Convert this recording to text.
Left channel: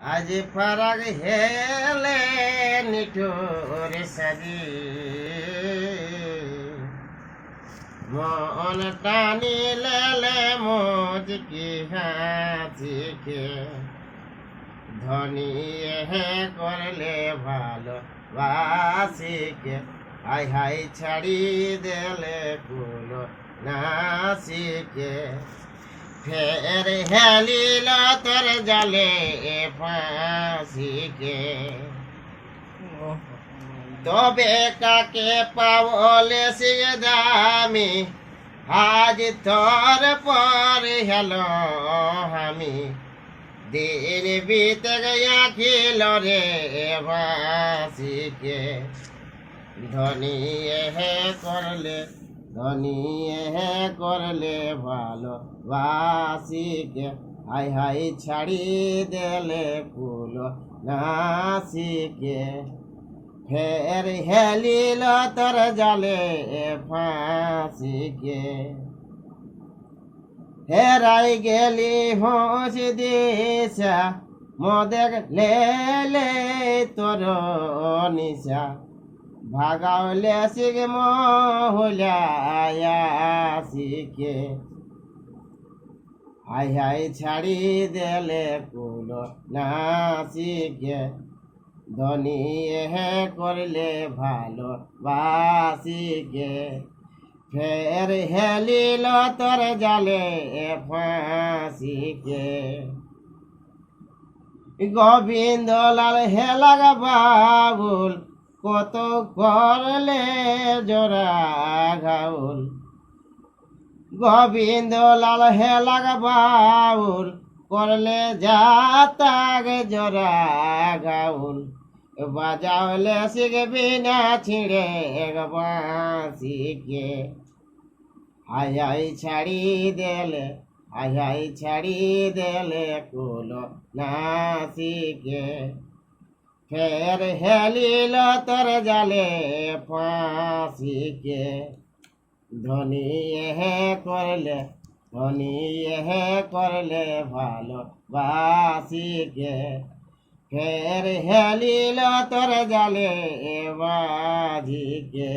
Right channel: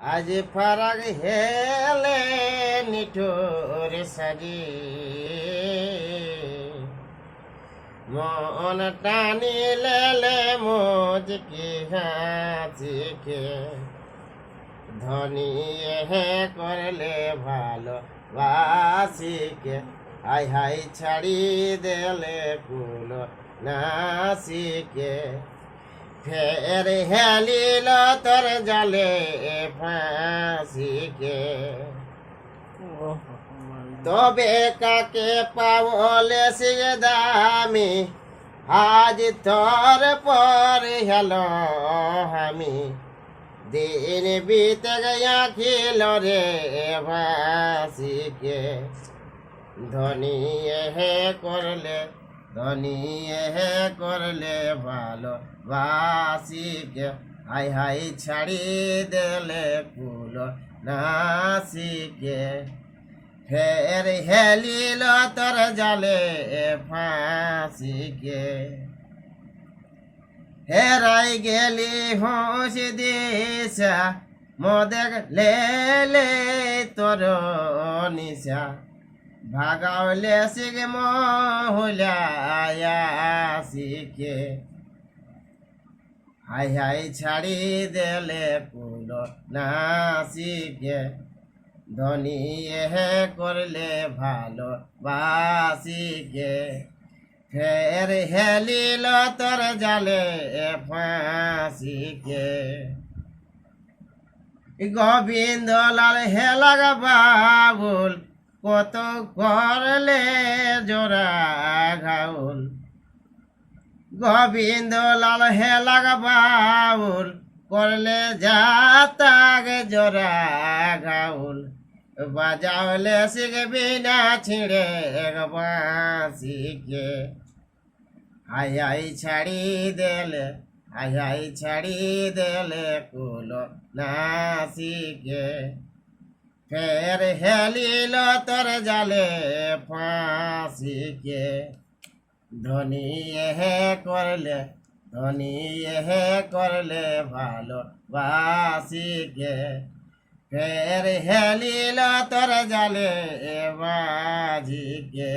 আজ ফারাগ হেলে নিঠুর সাজি মন টানি লেলে মুঝকি হাসিকে ধনী হে করলে ভালো বাসিকে হাই হাই ছাড়ি দেলে কুলো নাসিকে ফের হেলিল তোর জলে ফাঁসিকে তবে কাকে পাবলে সে দামি আজ তোর পর হেলো আমি দিন বিতে গয়া খিল রে ভাসিকে ধনী হে করলে ধনী হে করলে ভালো বাসিকে হাই হাই ছাড়ি দেলে ফুল নাসিকে ফের হেলিল তোর জালে ফাঁসিকে হেরাই গেলি হোস দিশা মোদেক লেলে তোর নিশা ভাগাওলে শিখে মহুলিয়াসিকে হাই হাই ছাড়ি দেলে কুল নাসিকে ধনী হে করলে ভালো বাসিকে ফের হেলিল তোর জালে ফাঁসিকে গোবিন্দ লাল হে লাগা বাবুল কত করলে জোড়া ঘাউল গোবিন্দ লাল হে লাগা বাউল করলে যাতাগ জোড়া ঘাউল বাজাওলে শিখে বিনা ছিঁড়ে বাঁশিকে হাই হাই ছাড়ি দেলে হাই হাই ছাড়ি দেলে কুল নাসিকে ফের হেলিল তোর জালে ফাঁসিকে ধনী হে করলে ধনী হে করলে ভালো বাসিকে ফের হেলিল তোর জালে বাজিকে।